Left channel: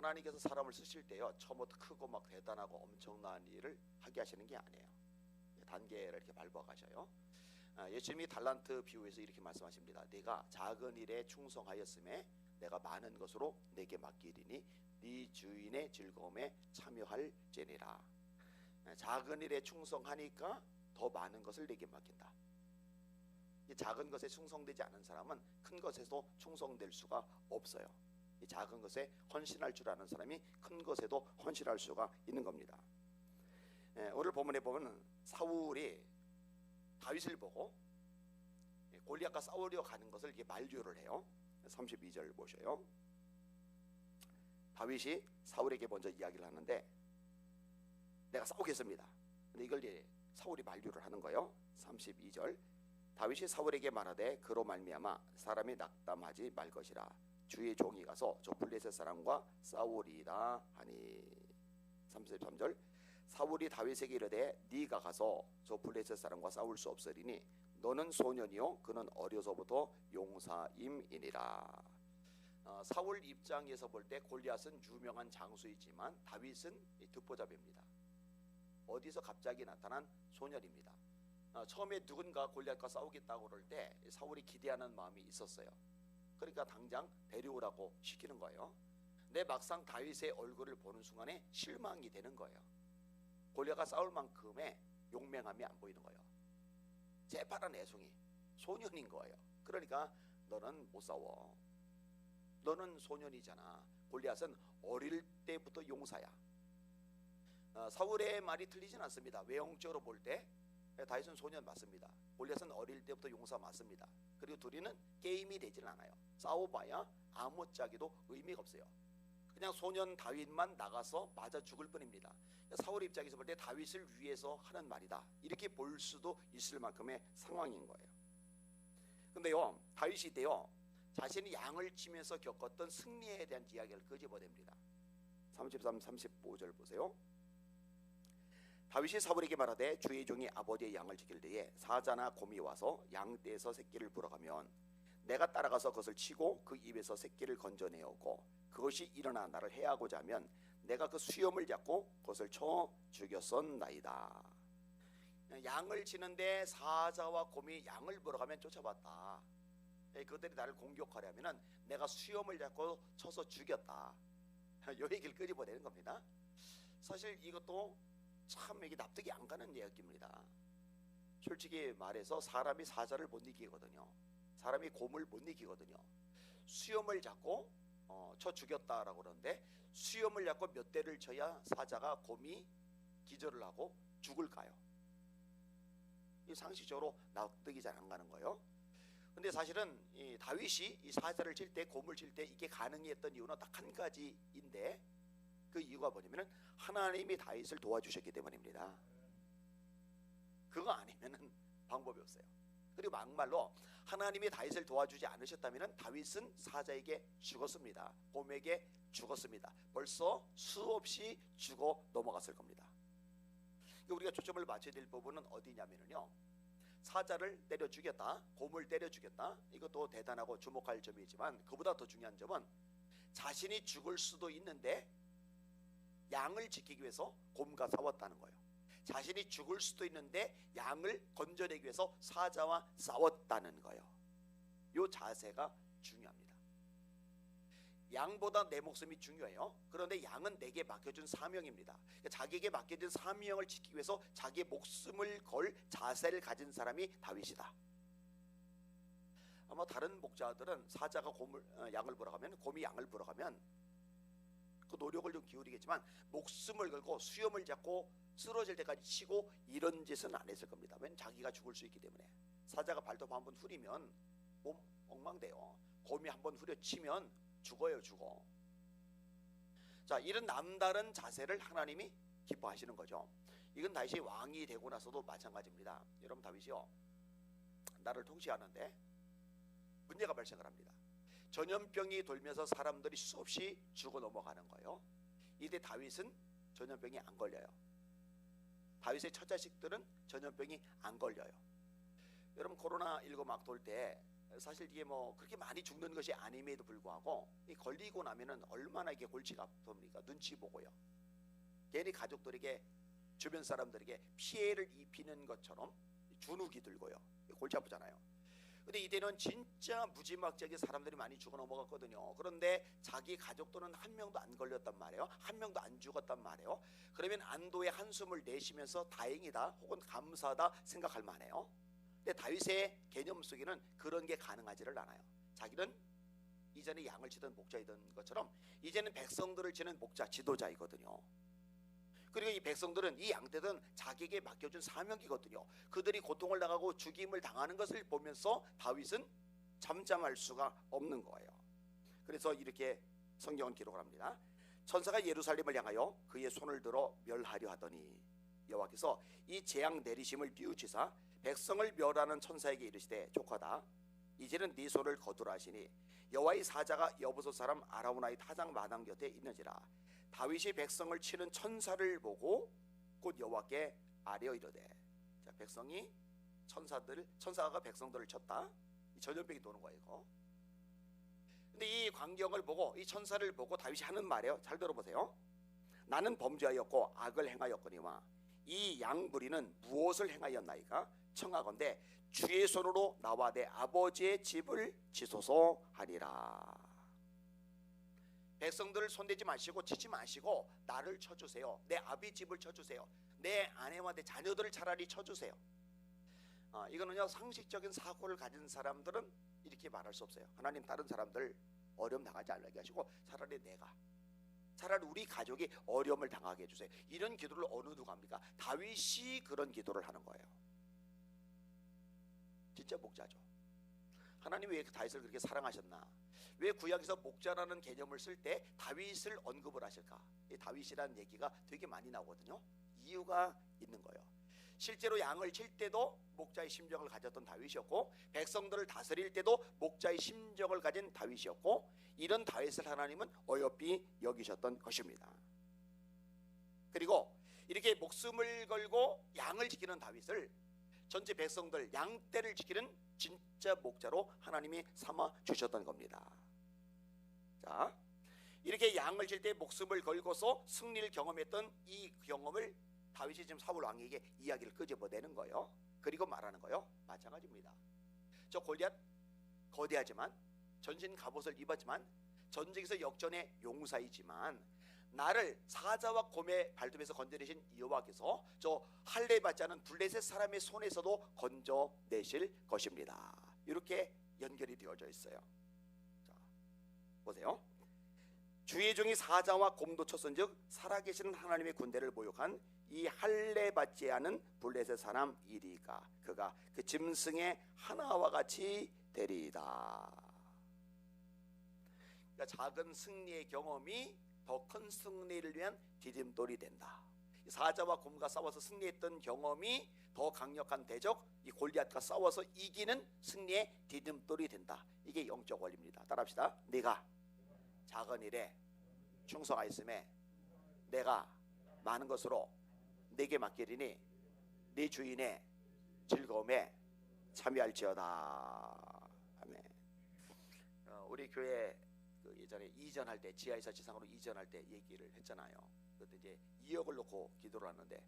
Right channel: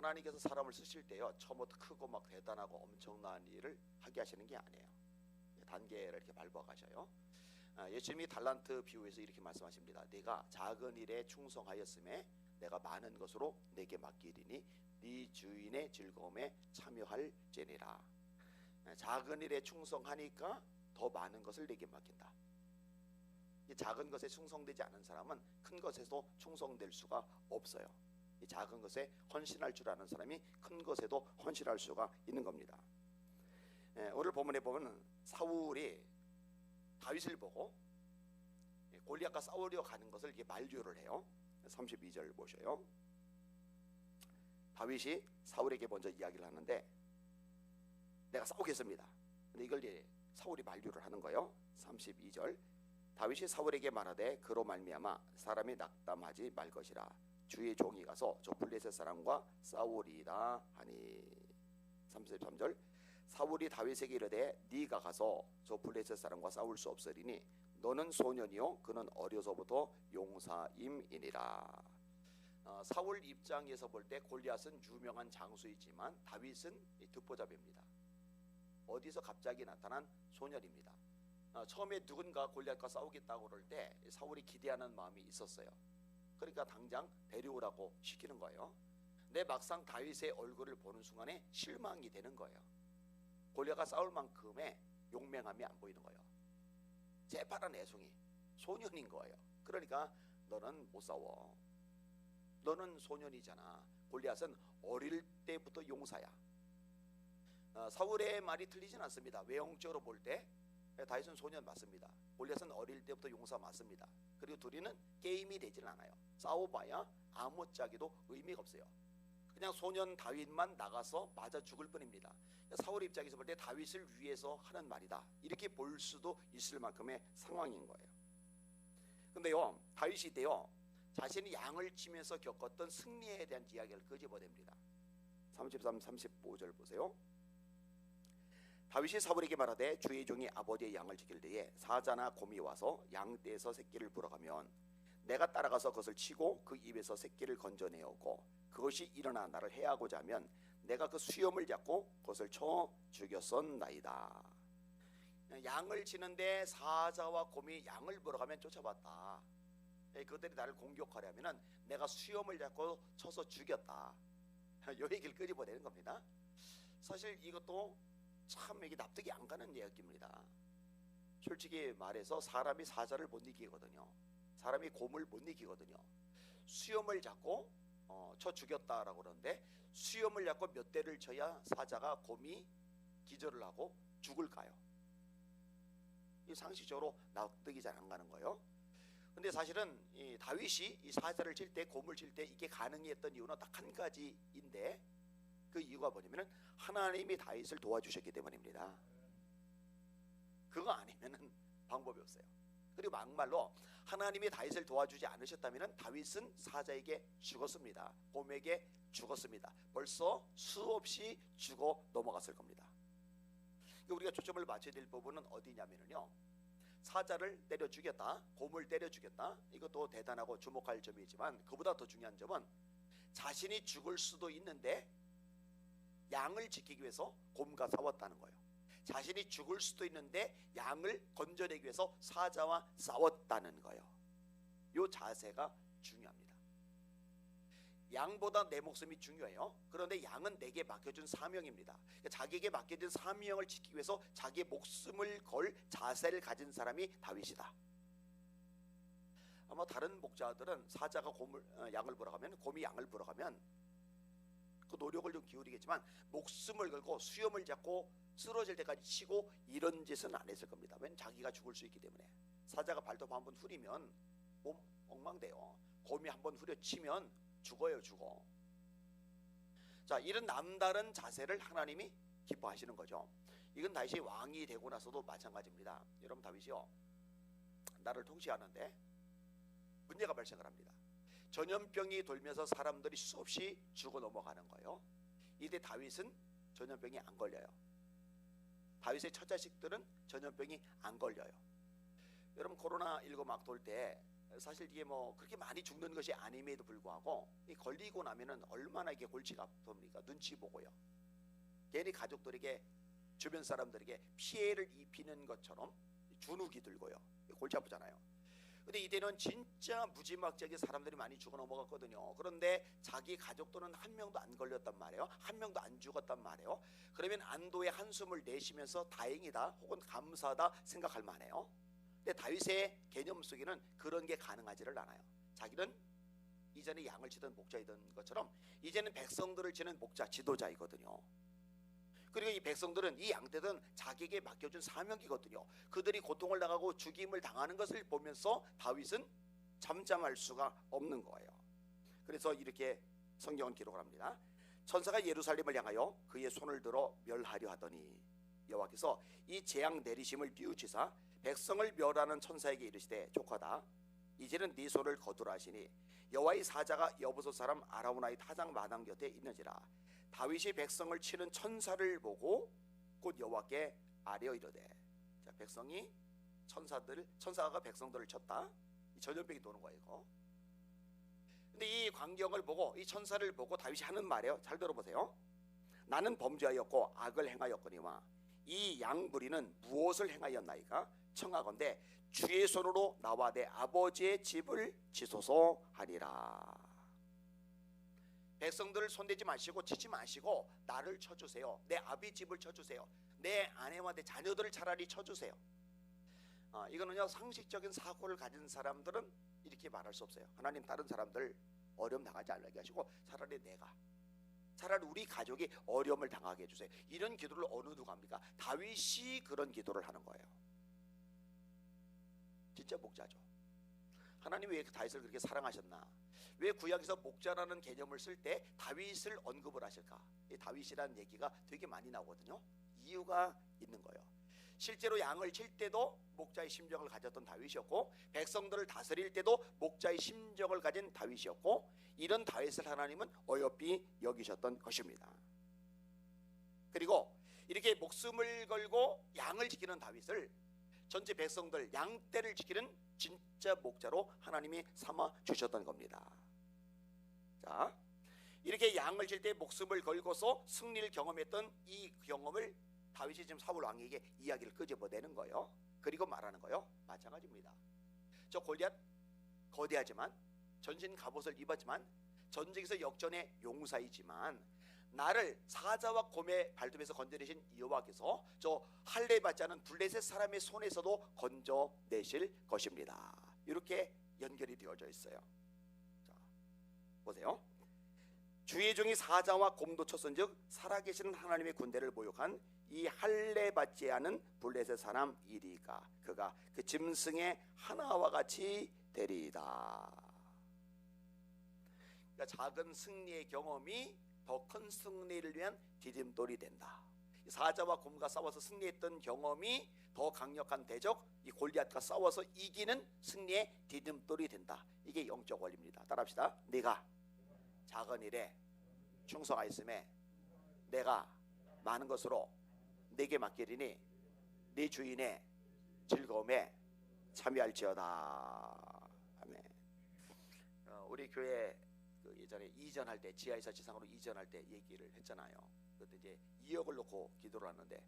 하나님께서 사람을 쓰실 때요, 처음부터 크고 막 대단하고 엄청난 일을 하게 하시는 게 아니에요. 단계를 이렇게 밟아 가셔요. 예수님이 달란트 비유에서 이렇게 말씀하십니다. 네가 작은 일에 충성하였음에 내가 많은 것으로 내게 맡기리니 네 주인의 즐거움에 참여할지니라. 작은 일에 충성하니까 더 많은 것을 내게 맡긴다. 이 작은 것에 충성되지 않은 사람은 큰 것에도 충성될 수가 없어요. 이 작은 것에 헌신할 줄 아는 사람이 큰 것에도 헌신할 수가 있는 겁니다. 오늘 본문에 보면 사울이 다윗을 보고 골리앗과 싸우려 가는 것을 이렇게 만류를 해요. 32절 보셔요. 다윗이 사울에게 먼저 이야기를 하는데 내가 싸우겠습니다. 근데 이걸 이제 사울이 만류를 하는 거예요. 32절 다윗이 사울에게 말하되 그로 말미암아 사람이 낙담하지 말 것이라 주의 종이 가서 저 블레셋 사람과 싸우리라 하니. 33절 사울이 다윗에게 이르되 네가 가서 저 블레셋 사람과 싸울 수 없으리니 너는 소년이요 그는 어려서부터 용사임이니라. 사울 입장에서 볼 때 골리앗은 유명한 장수이지만 다윗은 듣보잡입니다. 어디서 갑자기 나타난 소년입니다. 처음에 누군가 골리앗과 싸우겠다고 그럴 때 사울이 기대하는 마음이 있었어요. 그러니까 당장 데려오라고 시키는 거예요. 근데 막상 다윗의 얼굴을 보는 순간에 실망이 되는 거예요. 골리앗과 싸울 만큼의 용맹함이 안 보이는 거예요. 재파란 애송이 소년인 거예요. 그러니까 너는 못 싸워. 너는 소년이잖아. 골리앗은 어릴 때부터 용사야. 사울의 말이 틀리진 않습니다. 외형적으로 볼 때 다윗은 소년 맞습니다. 골리앗은 어릴 때부터 용사 맞습니다. 그리고 둘이는 게임이 되질 않아요. 싸워봐야 아무짝에도 의미가 없어요. 그냥 소년 다윗만 나가서 맞아 죽을 뿐입니다. 사울 입장에서 볼 때 다윗을 위해서 하는 말이다 이렇게 볼 수도 있을 만큼의 상황인 거예요. 근데요 다윗이 때요 자신이 양을 치면서 겪었던 승리에 대한 이야기를 끄집어냅니다. 33, 35절 보세요. 다윗이 사울에게 말하되 주의 종이 아버지의 양을 지킬 때에 사자나 곰이 와서 양떼에서 새끼를 불어가면 내가 따라가서 그것을 치고 그 입에서 새끼를 건져내오고 그것이 일어나 나를 해하고자 하면 내가 그 수염을 잡고 그것을 쳐 죽였었나이다. 양을 치는데 사자와 곰이 양을 불어가면 쫓아봤다. 그들이 나를 공격하려면 내가 수염을 잡고 쳐서 죽였다. 이 얘기를 끄집어내는 겁니다. 사실 이것도 참 이게 납득이 안 가는 이야기입니다. 솔직히 말해서 사람이 사자를 못 이기거든요. 사람이 곰을 못 이기거든요. 수염을 잡고 쳐 죽였다라고 그러는데 수염을 잡고 몇 대를 쳐야 사자가 곰이 기절을 하고 죽을까요? 이 상식적으로 납득이 잘 안 가는 거예요. 근데 사실은 이 다윗이 이 사자를 칠 때 곰을 칠 때 이게 가능했던 이유는 딱 한 가지인데 그 이유가 뭐냐면은 하나님이 다윗을 도와주셨기 때문입니다. 그거 아니면은 방법이 없어요. 그리고 막말로 하나님이 다윗을 도와주지 않으셨다면 다윗은 사자에게 죽었습니다. 곰에게 죽었습니다. 벌써 수없이 죽어 넘어갔을 겁니다. 우리가 초점을 맞춰야 될 부분은 어디냐면요 사자를 때려 죽였다, 곰을 때려 죽였다, 이것도 대단하고 주목할 점이지만 그보다 더 중요한 점은 자신이 죽을 수도 있는데 양을 지키기 위해서 곰과 싸웠다는 거예요. 자신이 죽을 수도 있는데 양을 건져내기 위해서 사자와 싸웠다는 거예요. 이 자세가 중요합니다. 양보다 내 목숨이 중요해요. 그런데 양은 내게 맡겨준 사명입니다. 자기에게 맡겨진 사명을 지키기 위해서 자기의 목숨을 걸 자세를 가진 사람이 다윗이다. 아마 다른 목자들은 사자가 양을 불어가면 곰이 양을 불어가면 그 노력을 좀 기울이겠지만 목숨을 걸고 수염을 잡고 쓰러질 때까지 치고 이런 짓은 안 했을 겁니다. 왜냐면 자기가 죽을 수 있기 때문에. 사자가 발톱 한번 후리면 몸 엉망돼요. 곰이 한번 후려치면 죽어요. 죽어. 자, 이런 남다른 자세를 하나님이 기뻐하시는 거죠. 이건 다윗이 왕이 되고 나서도 마찬가지입니다. 여러분 다윗이요 나라를 통치하는데 문제가 발생을 합니다. 전염병이 돌면서 사람들이 수없이 죽어 넘어가는 거예요. 이때 다윗은 전염병이 안 걸려요. 다윗의 처자식들은 전염병이 안 걸려요. 여러분 코로나19 막 돌 때 사실 이게 뭐 그렇게 많이 죽는 것이 아님에도 불구하고 이 걸리고 나면은 얼마나 이게 골치가 아픕니까? 눈치 보고요. 괜히 가족들에게 주변 사람들에게 피해를 입히는 것처럼 주눅이 들고요. 골치 아프잖아요. 근데 이때는 진짜 무지막지하게 사람들이 많이 죽어 넘어갔거든요. 그런데 자기 가족들은 한 명도 안 걸렸단 말이에요. 한 명도 안 죽었단 말이에요. 그러면 안도의 한숨을 내쉬면서 다행이다 혹은 감사하다 생각할 만해요. 근데 다윗의 개념 속에는 그런 게 가능하지를 않아요. 자기는 이전에 양을 치던 목자이던 것처럼 이제는 백성들을 치는 목자, 지도자이거든요. 그리고 이 백성들은 이 양떼들은 자기에게 맡겨준 사명이거든요. 그들이 고통을 당하고 죽임을 당하는 것을 보면서 다윗은 잠잠할 수가 없는 거예요. 그래서 이렇게 성경은 기록을 합니다. 천사가 예루살렘을 향하여 그의 손을 들어 멸하려 하더니 여호와께서 이 재앙 내리심을 비우치사 백성을 멸하는 천사에게 이르시되 조카다 이제는 네 손을 거두라 하시니 여호와의 사자가 여보소 사람 아라우나의 타작 마당 곁에 있는지라. 다윗이 백성을 치는 천사를 보고 곧 여호와께 아뢰어 이르되, 자, 백성이 천사가 백성들을 쳤다. 이 전염병이 도는 거예요. 이거. 근데 이 광경을 보고 이 천사를 보고 다윗이 하는 말이에요. 잘 들어보세요. 나는 범죄하였고 악을 행하였거니와 이 양무리는 무엇을 행하였나이까? 청하건대 주의 손으로 나와 내 아버지의 집을 지소서 하니라. 백성들을 손대지 마시고 치지 마시고 나를 쳐주세요. 내 아비 집을 쳐주세요. 내 아내와 내 자녀들을 차라리 쳐주세요. 이거는요, 상식적인 사고를 가진 사람들은 이렇게 말할 수 없어요. 하나님, 다른 사람들 어려움 당하지 않게 하시고 차라리 우리 가족이 어려움을 당하게 해주세요. 이런 기도를 어느 누가 합니까? 다윗이 그런 기도를 하는 거예요. 진짜 목자죠. 하나님이 왜 다윗을 그렇게 사랑하셨나? 왜 구약에서 목자라는 개념을 쓸 때 다윗을 언급을 하실까? 이 다윗이라는 얘기가 되게 많이 나오거든요. 이유가 있는 거예요. 실제로 양을 칠 때도 목자의 심정을 가졌던 다윗이었고, 백성들을 다스릴 때도 목자의 심정을 가진 다윗이었고, 이런 다윗을 하나님은 어여삐 여기셨던 것입니다. 그리고 이렇게 목숨을 걸고 양을 지키는 다윗을 전체 백성들 양떼를 지키는 진짜 목자로 하나님이 삼아 주셨던 겁니다. 자, 이렇게 양을 칠 때 목숨을 걸고서 승리를 경험했던 이 경험을 다윗이 지금 사울 왕에게 이야기를 끄집어내는 거예요. 그리고 말하는 거예요. 마찬가지입니다. 저 골리앗 거대하지만, 전신 갑옷을 입었지만, 전쟁에서 역전의 용사이지만, 나를 사자와 곰의 발톱에서 건져내신 여호와께서 저 할례 받지 않은 블레셋 사람의 손에서도 건져내실 것입니다. 이렇게 연결이 되어져 있어요. 자, 보세요. 주의 종이 사자와 곰도 쳤은즉 살아계시는 하나님의 군대를 모욕한 이 할례 받지 않은 블레셋 사람 이리가 그가 그 짐승의 하나와 같이 되리이다. 그러니까 작은 승리의 경험이 더 큰 승리를 위한 디딤돌이 된다. 사자와 곰과 싸워서 승리했던 경험이 더 강력한 대적 이 골리앗과 싸워서 이기는 승리의 디딤돌이 된다. 이게 영적 원리입니다. 따라합시다. 네가 작은 일에 충성하였음에 내가 많은 것으로 내게 맡기리니 네 주인의 즐거움에 참여할지어다. 아멘. 우리 교회 예전에 이전할 때 지하에서 지상으로 이전할 때 얘기를 했잖아요. 그때 이제 2억을 놓고 기도를 하는데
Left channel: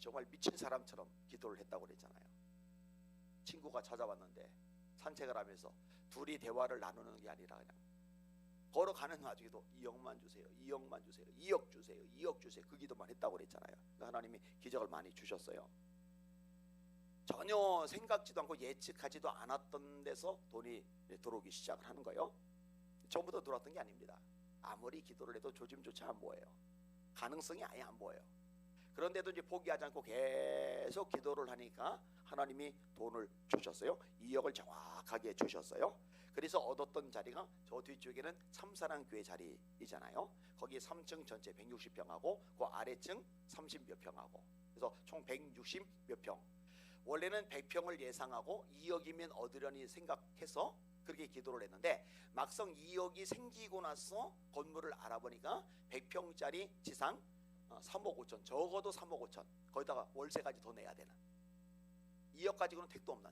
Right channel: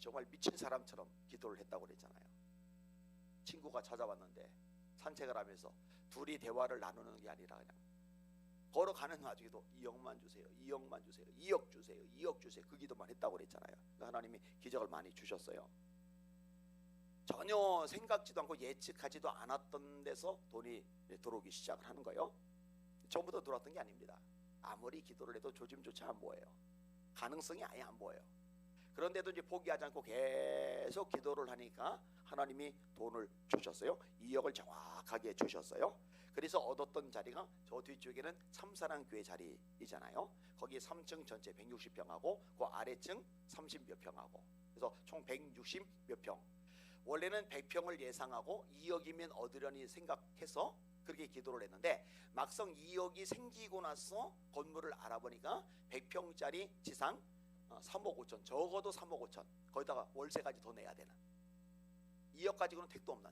정말 미친 사람처럼 기도를 했다고 그랬잖아요. 친구가 찾아왔는데 산책을 하면서 둘이 대화를 나누는 게 아니라 그냥 걸어가는 와중에도 2억만 주세요, 2억만 주세요, 2억 주세요, 2억 주세요, 그 기도만 했다고 그랬잖아요. 하나님이 기적을 많이 주셨어요. 전혀 생각지도 않고 예측하지도 않았던 데서 돈이 들어오기 시작을 하는 거예요. 처음부터 들어왔던 게 아닙니다. 아무리 기도를 해도 조짐조차 안 보여요. 가능성이 아예 안 보여요. 그런데도 이제 포기하지 않고 계속 기도를 하니까 하나님이 돈을 주셨어요. 2억을 정확하게 주셨어요. 그래서 얻었던 자리가 저 뒤쪽에는 참사랑 교회 자리이잖아요. 거기에 3층 전체 160평하고 그 아래층 30몇 평하고 그래서 총 160몇 평. 원래는 100평을 예상하고 2억이면 얻으려니 생각해서 그렇게 기도를 했는데 막상 2억이 생기고 나서 건물을 알아보니까 100평짜리 지상 3억 5천, 적어도 3억 5천, 거기다가 월세까지 더 내야 되는, 2억 가지고는 택도 없는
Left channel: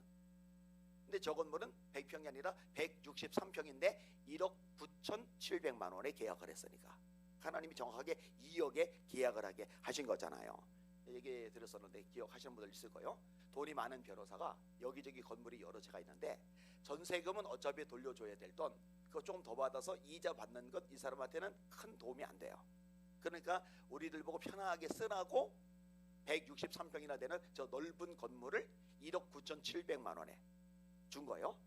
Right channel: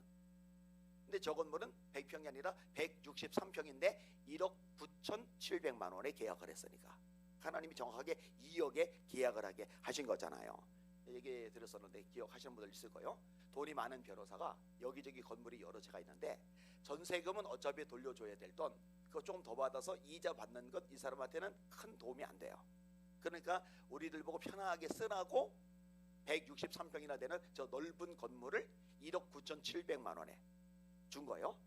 근데 저 건물은 100평이 아니라 163평인데 1억 9,700만 원에 계약을 했으니까 하나님이 정확하게 2억에 계약을 하게 하신 거잖아요. 얘기 들었었는데 기억하시는 분들 있을 거예요. 돈이 많은 변호사가 여기저기 건물이 여러 채가 있는데 전세금은 어차피 돌려줘야 될 돈 그거 조금 더 받아서 이자 받는 것 이 사람한테는 큰 도움이 안 돼요. 그러니까 우리들 보고 편하게 쓰라고 163평이나 되는 저 넓은 건물을 1억 9,700만 원에 준 거예요.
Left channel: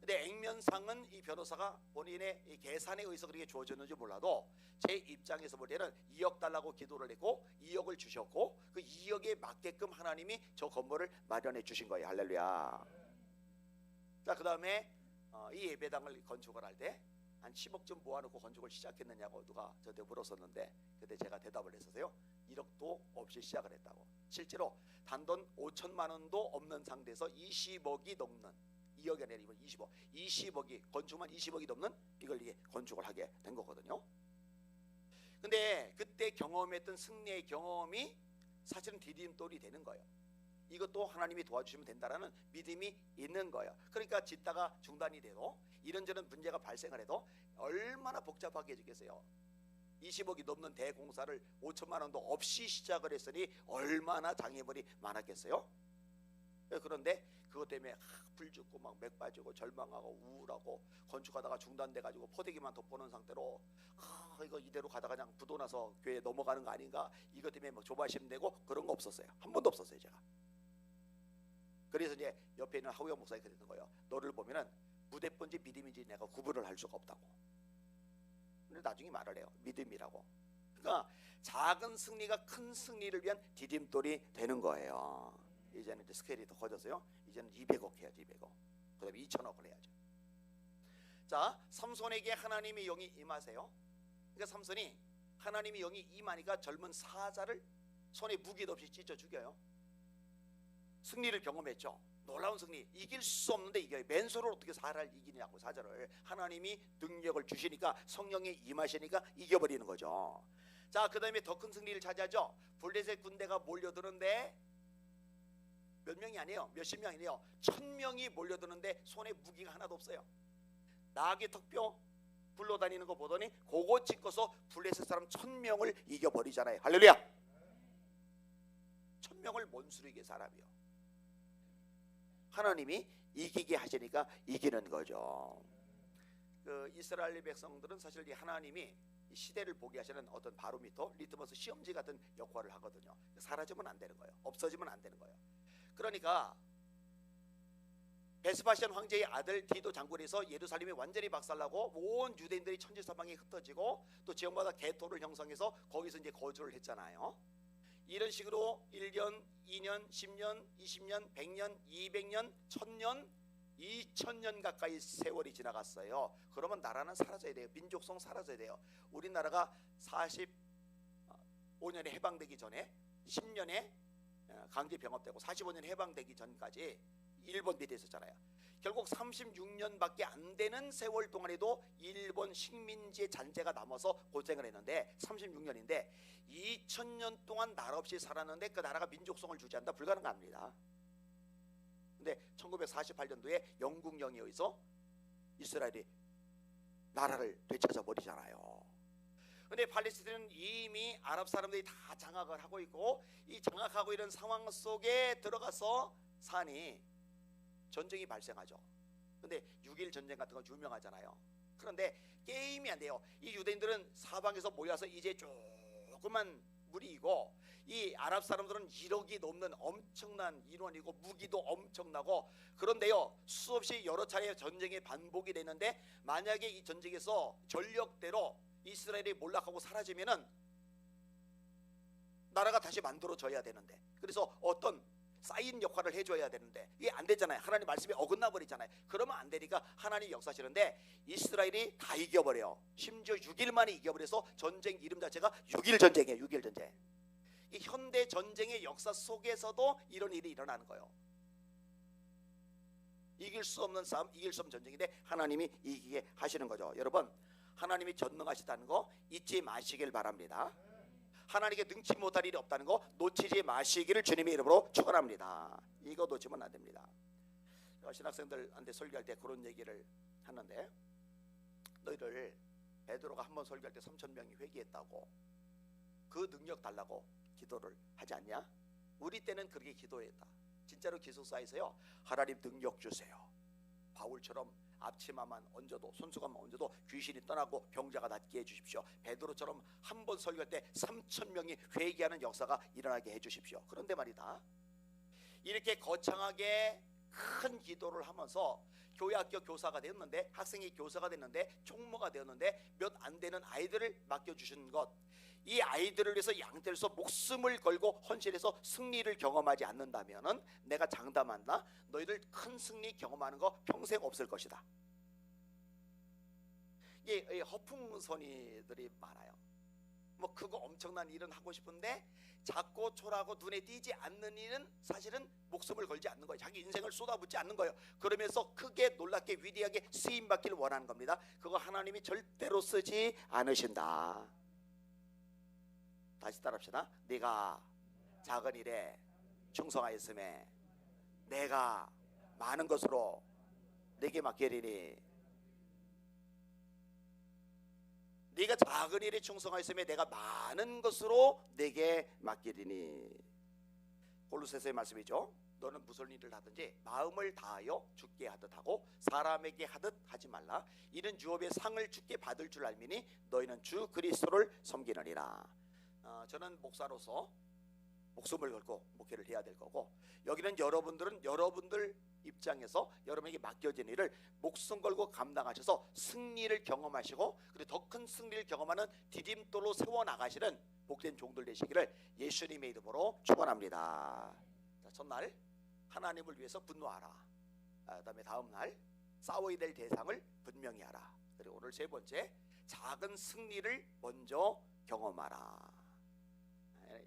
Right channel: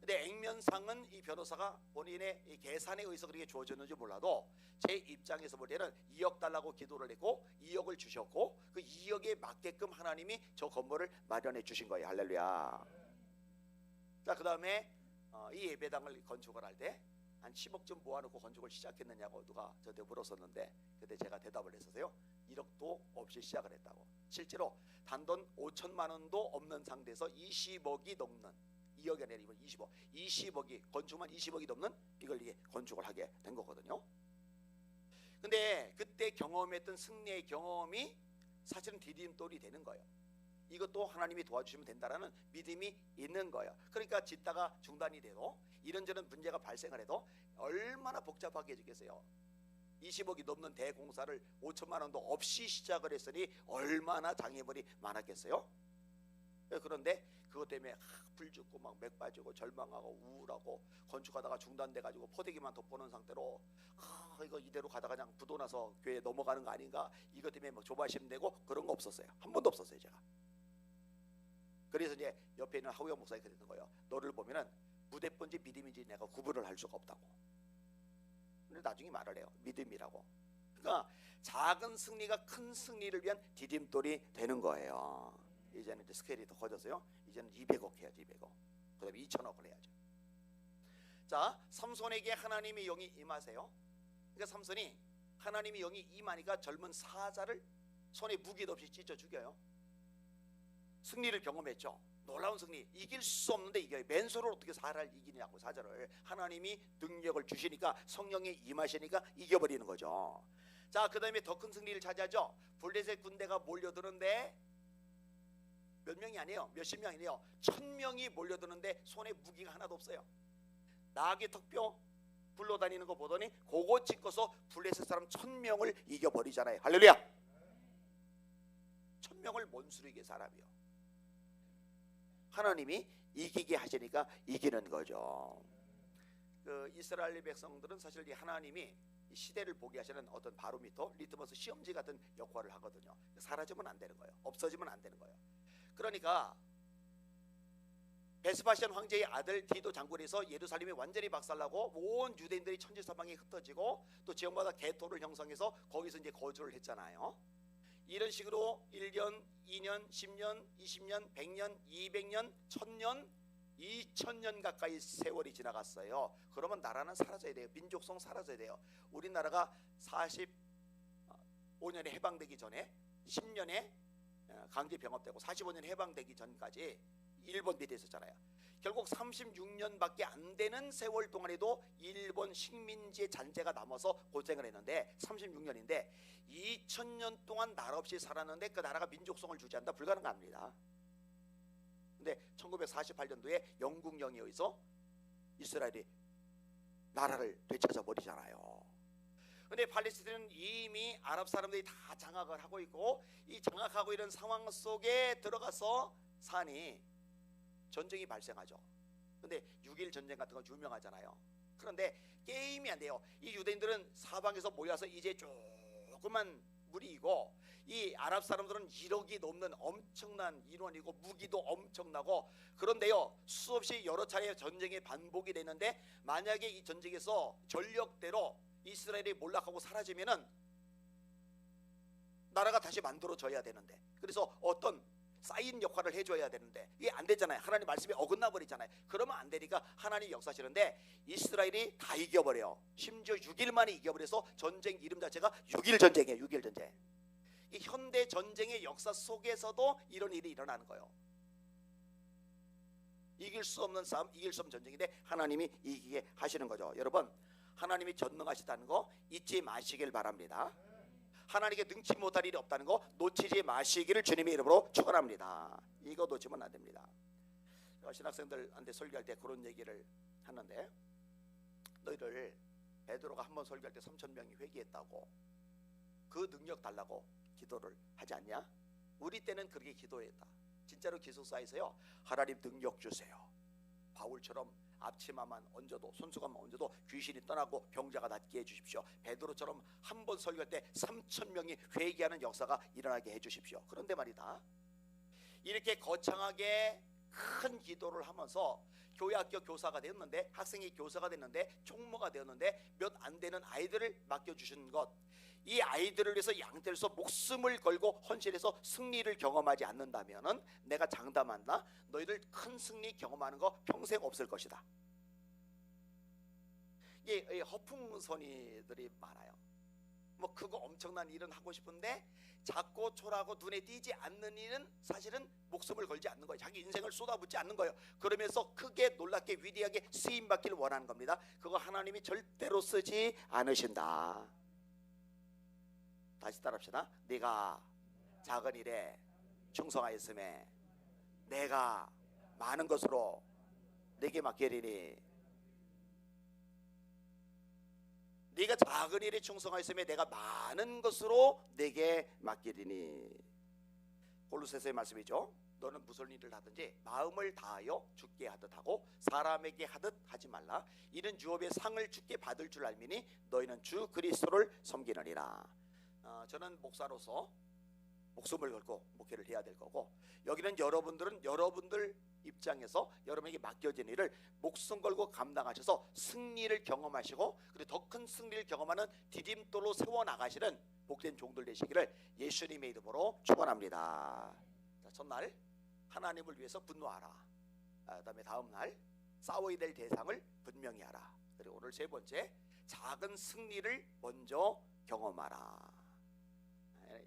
근데 액면상은 이 변호사가 본인의 이 계산에 의해서 그렇게 주어졌는지 몰라도 제 입장에서 볼 때는 2억 달라고 기도를 했고 2억을 주셨고 그 2억에 맞게끔 하나님이 저 건물을 마련해 주신 거예요. 할렐루야. 자, 그 다음에 이 예배당을 건축을 할 때 한 10억쯤 모아놓고 건축을 시작했느냐고 누가 저한테 물었었는데 그때 제가 대답을 했었어요. 1억도 없이 시작을 했다고. 실제로 단돈 5천만 원도 없는 상태에서 20억이 넘는 2억이 아니라 이번 20억이 건축만 20억이 넘는 이걸 이게 건축을 하게 된 거거든요. 근데 그때 경험했던 승리의 경험이 사실은 디딤돌이 되는 거예요. 이것도 하나님이 도와주시면 된다라는 믿음이 있는 거예요. 그러니까 짓다가 중단이 돼도 이런저런 문제가 발생을 해도 얼마나 복잡하게 해주겠어요. 20억이 넘는 대공사를 5천만 원도 없이 시작을 했으니 얼마나 장애물이 많았겠어요. 그런데 그것 때문에 불 죽고 막 맥 빠지고 절망하고 우울하고 건축하다가 중단돼가지고 포대기만 덮어놓은 상태로 이거 이대로 가다가 그냥 부도 나서 교회 넘어가는 거 아닌가 이것 때문에 뭐 조바심 내고 그런 거 없었어요. 한 번도 없었어요 제가. 그래서 이제 옆에 있는 하우영 목사님이 그랬던 거예요. 너를 보면은 무대본지 믿음인지 내가 구분을 할 수가 없다고. 근데 나중에 말을 해요. 믿음이라고. 그러니까 작은 승리가 큰 승리를 위한 디딤돌이 되는 거예요. 이제는 이제 스케일이 더 커졌어요. 이제는 200억 해야지 200억. 그 다음에 2천억을 해야죠. 자, 삼손에게 하나님의 영이 임하세요. 그러니까 삼손이 하나님의 영이 임하니까 젊은 사자를 손에 무기도 없이 찢어 죽여요. 승리를 경험했죠. 놀라운 승리. 이길 수 없는데 이겨요. 맨손으로 어떻게 사자를 이기냐고. 사자를 하나님이 능력을 주시니까 성령이 임하시니까 이겨버리는 거죠. 자, 그 다음에 더 큰 승리를 차지하죠. 블레셋 군대가 몰려드는데 몇 명이 아니에요. 몇십 명이 아니에요. 1000명이 몰려드는데 손에 무기가 하나도 없어요. 나귀 턱뼈 굴러다니는 거 보더니 그거 찍어서 블레셋 사람 1000명을 이겨버리잖아요. 할렐루야. 1000명을 원수르게 사람이요. 하나님이 이기게 하시니까 이기는 거죠. 그 이스라엘 백성들은 사실 이 하나님이 이 시대를 보게 하시는 어떤 바로미터, 리트머스 시험지 같은 역할을 하거든요. 사라지면 안 되는 거예요. 없어지면 안 되는 거예요. 그러니까 베스파시안 황제의 아들 디도 장군에서 예루살렘이 완전히 박살나고 온 유대인들이 천지사방에 흩어지고 또 지역마다 개토를 형성해서 거기서 이제 거주를 했잖아요. 이런 식으로 1년, 2년, 10년, 20년, 100년, 200년, 1000년, 2000년 가까이 세월이 지나갔어요. 그러면 나라는 사라져야 돼요. 민족성 사라져야 돼요. 우리나라가 45년에 해방되기 전에 10년에 강제 병합되고 45년 해방되기 전까지 일본 밑에 있었잖아요. 결국 36년밖에 안 되는 세월 동안에도 일본 식민지의 잔재가 남아서 고생을 했는데 36년인데 2000년 동안 나라 없이 살았는데 그 나라가 민족성을 유지한다? 불가능합니다. 근데 1948년도에 영국령에 의해서 이스라엘이 나라를 되찾아 버리잖아요. 근데 팔레스타인은 이미 아랍 사람들이 다 장악을 하고 있고 이 장악하고 있는 상황 속에 들어가서 사니 전쟁이 발생하죠. 근데 6.1 전쟁 같은 건 유명하잖아요. 그런데 게임이 안 돼요. 이 유대인들은 사방에서 모여서 이제 조그만 무리이고 이 아랍 사람들은 1억이 넘는 엄청난 인원이고 무기도 엄청나고 그런데요 수없이 여러 차례 전쟁이 반복이 되는데 만약에 이 전쟁에서 전력대로 이스라엘이 몰락하고 사라지면은 나라가 다시 만들어져야 되는데 그래서 어떤 쌓인 역할을 해줘야 되는데 이게 안 되잖아요. 하나님 말씀이 어긋나 버리잖아요. 그러면 안 되니까 하나님이 역사하시는데 이스라엘이 다 이겨버려요. 심지어 6일 만에 이겨버려서 전쟁 이름 자체가 6.1 전쟁이에요. 6.1 전쟁. 이 현대 전쟁의 역사 속에서도 이런 일이 일어나는 거예요. 이길 수 없는 싸움, 이길 수 없는 전쟁인데 하나님이 이기게 하시는 거죠. 여러분 하나님이 전능하시다는 거 잊지 마시길 바랍니다. 하나님께 능치 못할 일이 없다는 거 놓치지 마시기를 주님의 이름으로 축원합니다. 이거 놓치면 안 됩니다. 제가 신학생들한테 설교할 때 그런 얘기를 하는데, 너희들 베드로가 한 번 설교할 때 3,000명이 회개했다고 그 능력 달라고 기도를 하지 않냐? 우리 때는 그렇게 기도했다. 진짜로 기숙사에서요, 하나님 능력 주세요. 바울처럼 앞치마만 얹어도, 손수건만 얹어도 귀신이 떠나고 병자가 낫게 해주십시오. 베드로처럼 한 번 설교할 때 3,000명이 회개하는 역사가 일어나게 해주십시오. 그런데 말이다, 이렇게 거창하게 큰 기도를 하면서 교회학교 교사가 되었는데, 학생이 교사가 됐는데, 총무가 되었는데 몇 안 되는 아이들을 맡겨주신 것, 이 아이들을 위해서 양떼에서 목숨을 걸고 헌신해서 승리를 경험하지 않는다면 내가 장담한다, 너희들 큰 승리 경험하는 거 평생 없을 것이다. 이게 허풍선이들이 많아요. 뭐 그거 엄청난 일은 하고 싶은데 작고 초라하고 눈에 띄지 않는 일은 사실은 목숨을 걸지 않는 거예요. 자기 인생을 쏟아붓지 않는 거예요. 그러면서 크게 놀랍게 위대하게 쓰임받기를 원하는 겁니다. 그거 하나님이 절대로 쓰지 않으신다. 다시 따라합시다. 네가 작은 일에 충성하였음에 내가 많은 것으로 네게 맡기리니. 네가 작은 일에 충성하였음에 내가 많은 것으로 네게 맡기리니. 골로새서의 말씀이죠. 너는 무슨 일을 하든지 마음을 다하여 주께 하듯 하고 사람에게 하듯 하지 말라. 이는 유업의 상을 주께 받을 줄 알미니 너희는 주 그리스도를 섬기느니라. 저는 목사로서 목숨을 걸고 목회를 해야 될 거고, 여기는 여러분들은 여러분들 입장에서 여러분에게 맡겨진 일을 목숨 걸고 감당하셔서 승리를 경험하시고, 그리고 더 큰 승리를 경험하는 디딤돌로 세워나가시는 복된 종들 되시기를 예수님의 이름으로 축원합니다. 자, 첫날 하나님을 위해서 분노하라. 그다음에 다음날 싸워야 될 대상을 분명히 하라. 그리고 오늘 세 번째, 작은 승리를 먼저 경험하라.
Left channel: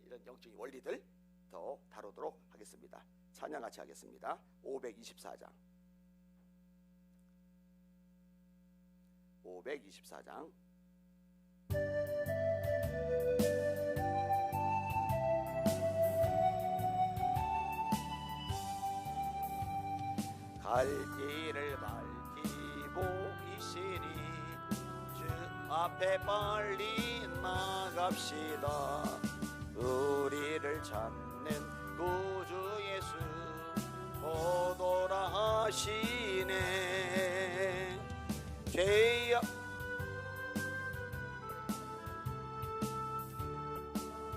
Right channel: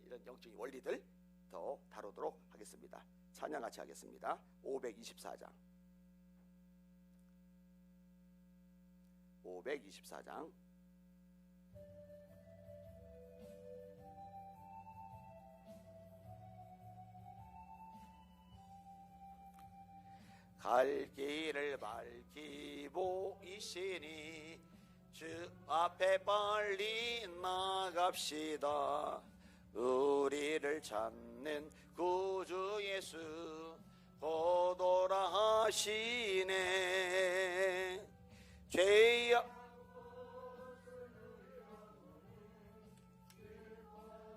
이런 영적인 원리들 더 다루도록 하겠습니다. 찬양 같이 하겠습니다. 524장 524장 갈 길을 밝히 보이시니 주 앞에 빨리 나갑시다. 우리를 찾는 구주 예수 오도라 하시네. 죄야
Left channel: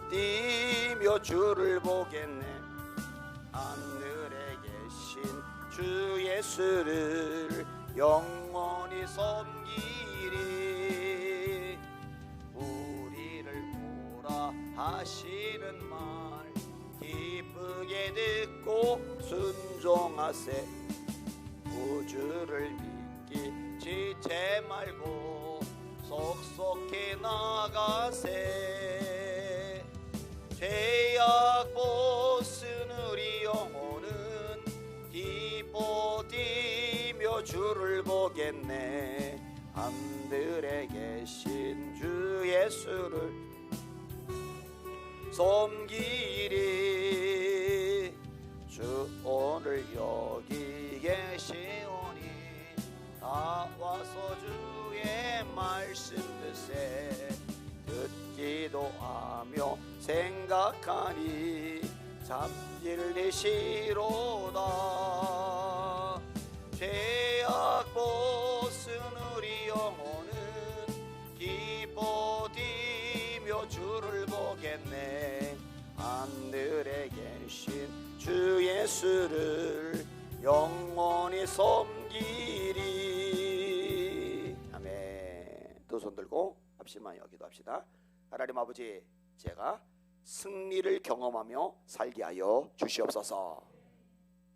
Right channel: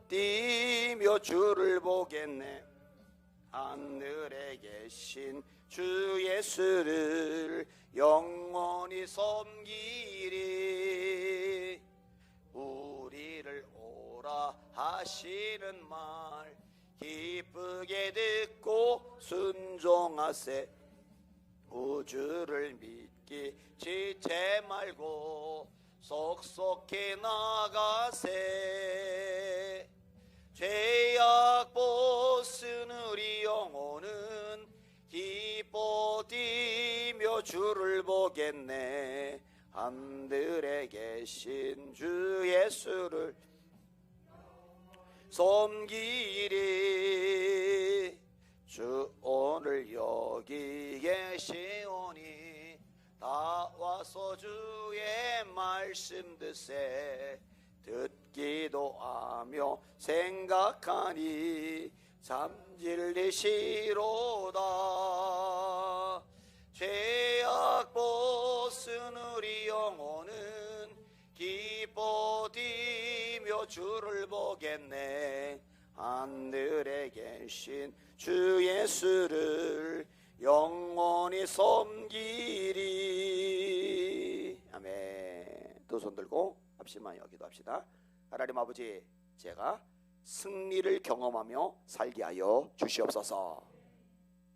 뛰며 주를 보겠네. 하늘에 계신 주 예수를 영원히 섬기리. 우리를 오라 하시는 말 기쁘게 듣고 순종하세. 구주를 믿기 지체 말고 속속히 나가세. 죄악 벗은 우리 영혼은 기뻐 뛰며 주를 보겠네. 하늘에 계신 주 예수를 섬기리. 주 오늘 여기 계시오니 다 와서 주의 말씀 듣세. 듣기도 하며 생각하니 잠질리시로다. 죄악 벗은 우리 영혼은 기뻐 뛰며 주를 보겠네. 하늘에 계신 주 예수를 영원히 섬기리. 아멘. 두 손 들고 합심하여 기도합시다. 하나님 아버지, 제가 승리를 경험하며 살게 하여 주시옵소서.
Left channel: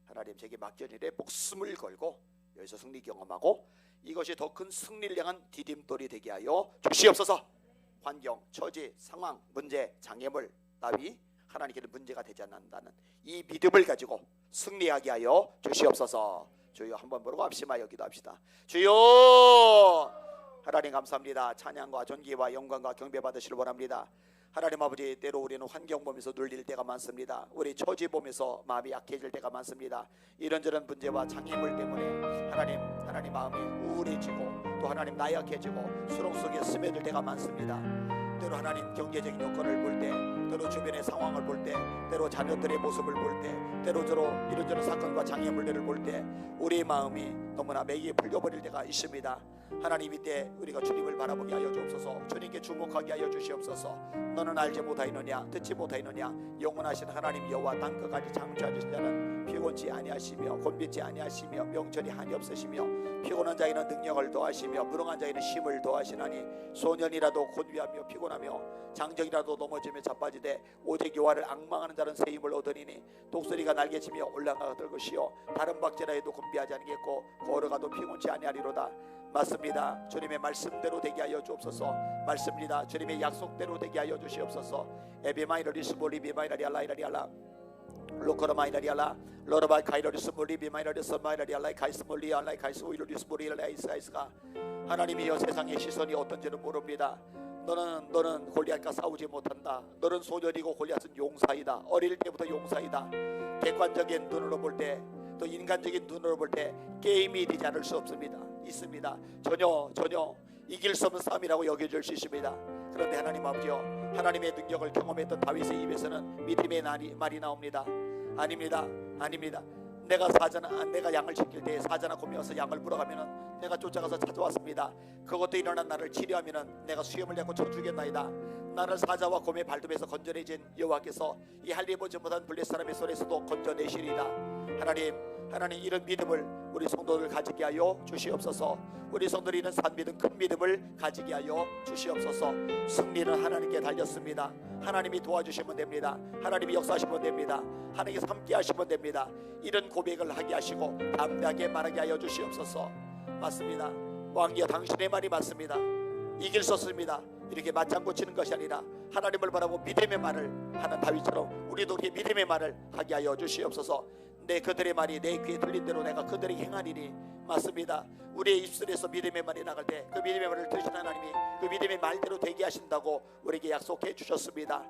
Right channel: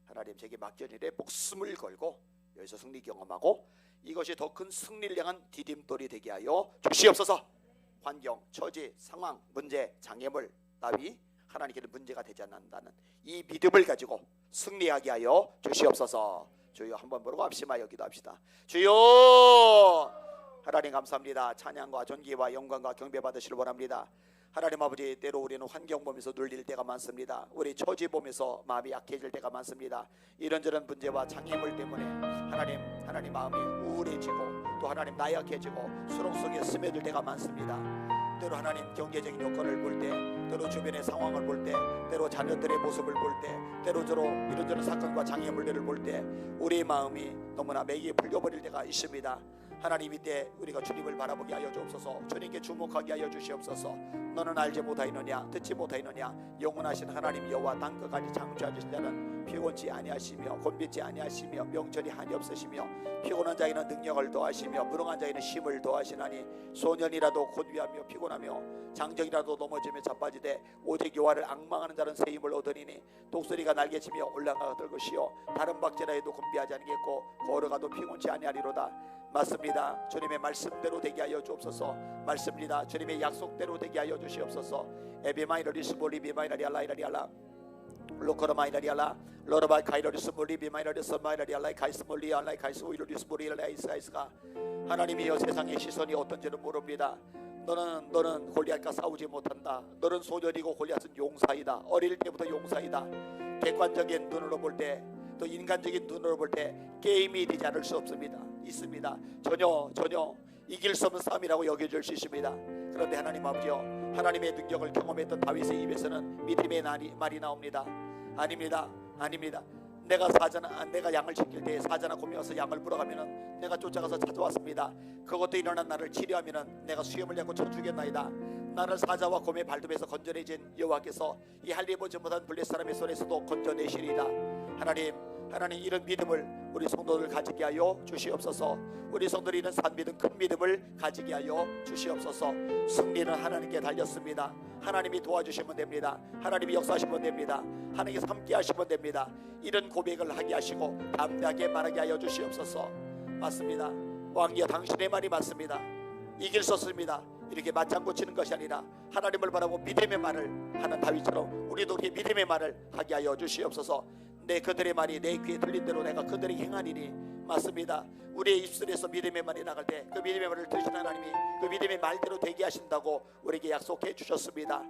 하나님, 제게 맡겨진 일에 목숨을 걸고 여기서 승리 경험하고 이것이 더 큰 승리를 향한 디딤돌이 되게 하여 주시옵소서. 환경, 처지, 상황, 문제, 장애물 따위 하나님께는 문제가 되지 않는다는 이 믿음을 가지고 승리하게 하여 주시옵소서. 주여, 한번 부르고 합심하여 기도합시다. 주여, 하나님 감사합니다. 찬양과 존귀와 영광과 경배 받으시길 원합니다. 하나님 아버지, 때로 우리는 환경 보면서 눌릴 때가 많습니다. 우리 처지 보면서 마음이 약해질 때가 많습니다. 이런저런 문제와 장애물 때문에 하나님 마음이 우울해지고 또 하나님 나약해지고 수렁 속에 스며들 때가 많습니다. 때로 하나님 경제적인 여건을 볼 때, 때로 주변의 상황을 볼 때, 때로 자녀들의 모습을 볼 때, 때로저로 이런저런 사건과 장애물들을 볼 때 우리의 마음이 너무나 매기에 풀려버릴 때가 있습니다. 하나님, 이때 우리가 주님을 바라보게 하여 주옵소서. 주님께 주목하게 하여 주시옵소서. 너는 알지 못하였느냐, 듣지 못하였느냐, 영원하신 하나님 여호와 땅끝까지 창조하신 자는 피곤치 아니하시며 곤비지 아니하시며 명철이 한이 없으시며 피곤한 자에는 능력을 더하시며 무능한 자에는 힘을 더하시나니 소년이라도 곤비하며 피곤하며 장정이라도 넘어지며 자빠지되 오직 여호와를 앙망하는 자는 새 힘을 얻으리니 독수리가 날개치며 올라가 들 것이요 다른 박제라 해도 곤비하지 않겠고 걸어가도 피곤치 아니하리로다. 맞습니다. 주님의 말씀대로 되게 하여 주옵소서. 맞습니다. 주님의 약속대로 되게 하여 주시옵소서. 에비마이러리스 볼리비마이라리 알라이라리 알라 로코라마이라리 알라 로라바이 카이러리스 볼리비마이라리스 마이라리 알라이 카이스 몰리 알라이 카이스 오이러리스 볼리알라이 사이스가 하나님이여 세상의 시선이 어떤지는 모릅니다. 너는 골리앗과 싸우지 못한다. 너는 소년이고 골리앗은 용사이다. 어릴 때부터 용사이다. 객관적인 눈으로 볼 때, 또 인간적인 눈으로 볼 때 게임이 되지 않을 수 없습니다. 있습니다. 전혀 이길 수 없는 싸움이라고 여겨질 수 있습니다. 그런데 하나님 아버지여, 하나님의 능력을 경험했던 다윗의 입에서는 믿음의 말이 나옵니다. 아닙니다. 내가 양을 지킬 때 사자나 곰이 와서 양을 물어가면은 내가 쫓아가서 찾아왔습니다. 그것도 일어난 나를 치료하면은 내가 수염을 내고 쳐 주겠나이다. 나를 사자와 곰의 발톱에서 건져내신 여호와께서 이 할례보지 못한 블레 사람의 손에서도 건져내시리이다. 하나님 이런 믿음을 우리 성도들 가지게 하여 주시옵소서. 우리 성도들이 이런 산 믿음, 큰 믿음을 가지게 하여 주시옵소서. 승리는 하나님께 달렸습니다. 하나님이 도와주시면 됩니다. 하나님이 역사하시면 됩니다. 하나님께서 함께 하시면 됩니다. 이런 고백을 하게 하시고 담대하게 말하게 하여 주시옵소서. 맞습니다. 왕이여, 당신의 말이 맞습니다. 이길 수 없습니다. 이렇게 맞장구 치는 것이 아니라 하나님을 바라보 믿음의 말을 하는 다윗처럼 우리도 이렇게 믿음의 말을 하게 하여 주시옵소서. 그들의 말이 내 귀에 들린 대로 내가 그들에게 행하리니. 맞습니다. 우리의 입술에서 믿음의 말이 나갈 때 그 믿음의 말을 들으신 하나님이 그 믿음의 말대로 되게 하신다고 우리에게 약속해 주셨습니다.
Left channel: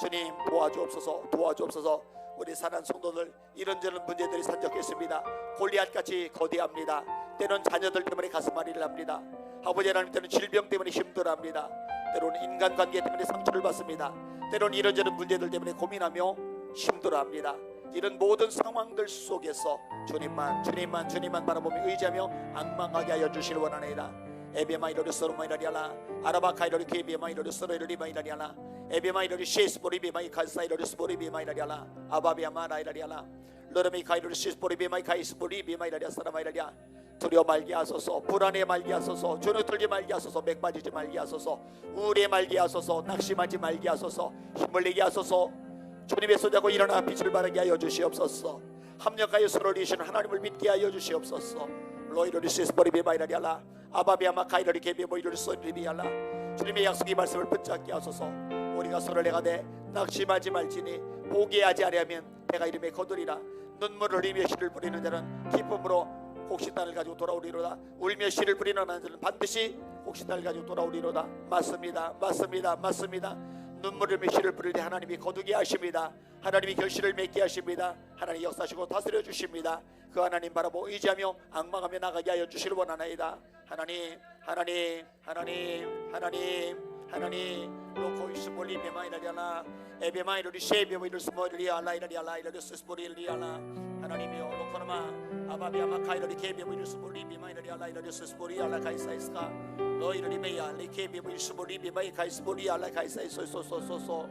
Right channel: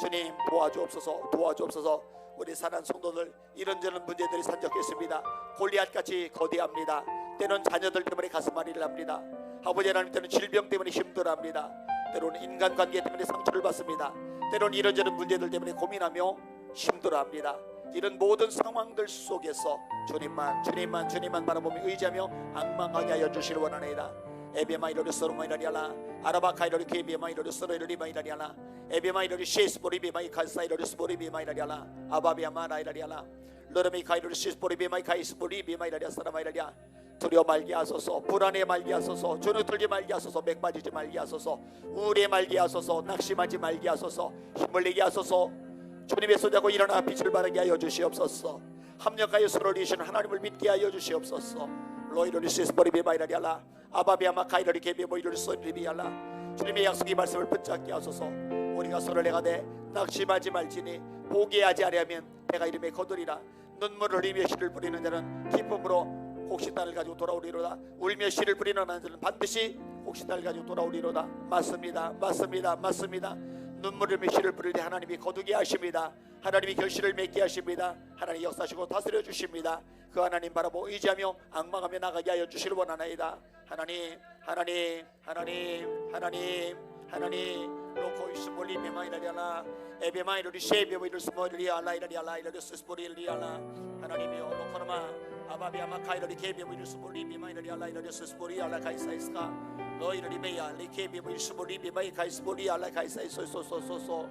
주님 도와주옵소서. 우리 사랑하는 성도들, 이런저런 문제들이 산적했습니다. 골리앗같이 거대합니다. 때로는 자녀들 때문에 가슴앓이를 합니다. 아버지 하나님, 때로는 질병 때문에 힘들어합니다. 때로는 인간관계 때문에 상처를 받습니다. 때로는 이런저런 문제들 때문에 고민하며 힘들어합니다. 이런 모든 상황들 속에서 주님만 바라보며 의지하며 앙망하게 하여 주시길 원하나이다. 에베마이로리 소로마이라리알라 아라바카이로리 케비마이로리 소로이리마이라리알라 에베마이로리 시스보리비마이 칼사이로리 스보리비마이라리알라 아바비아마라이라리알라 로르미카이로리 시스보리비마이 카이스보리비마이라리아 사라마이라리아. 두려워 말게 하소서. 불안해 말게 하소서. 주눅 들지 말게 하소서. 맥 빠지지 말게 하소서. 우울해 말게 하소서. 낙심하지 말게 하소서. 힘을 내게 하소서. 주님의 손잡고 일어나 빛을 발하게 하여 주시옵소서. 합력하여 서로를 이시는 하나님을 믿게 하여 주시옵소서. 로이로리시스보리비마이라리알라 아바비아마카이로리 케비모이로리소리비알라. 주님의 약속의 말씀을 붙잡게 하소서. 우리가 서로를 내가되 낙심하지 말지니 포기하지 아니하면 내가 이름에 거두리라. 눈물을 흘리며 씨를 뿌리는 자는 기쁨으로 곡식단을 가지고 돌아오리로다. 울며 씨를 뿌리는 자는 반드시 곡식단을 가지고 돌아오리로다. 맞습니다. 눈물을 씨를 뿌릴 때 하나님이 거두게 하십니다. 하나님이 결실을 맺게 하십니다. 하나님 역사하시고 다스려 주십니다. 그 하나님 바라보 의지하며 앙망하며 나가게 하여 주시길 원하나이다. 하나님 로코이스 몰리 베마이라리알라 에베마이로리 셰베모이르 스모리리 알라이라리알라 이라리스 스모리리알라. 하나님이여 로코르마 아바비아마 카이로리 케베모이르 스모리 베마이라리 알라이라리스 스모리 알라 카이사이스카 로이르리메야 리케베모이르 스모리 베마이 카이스모리 알라 카이사이소소소소소.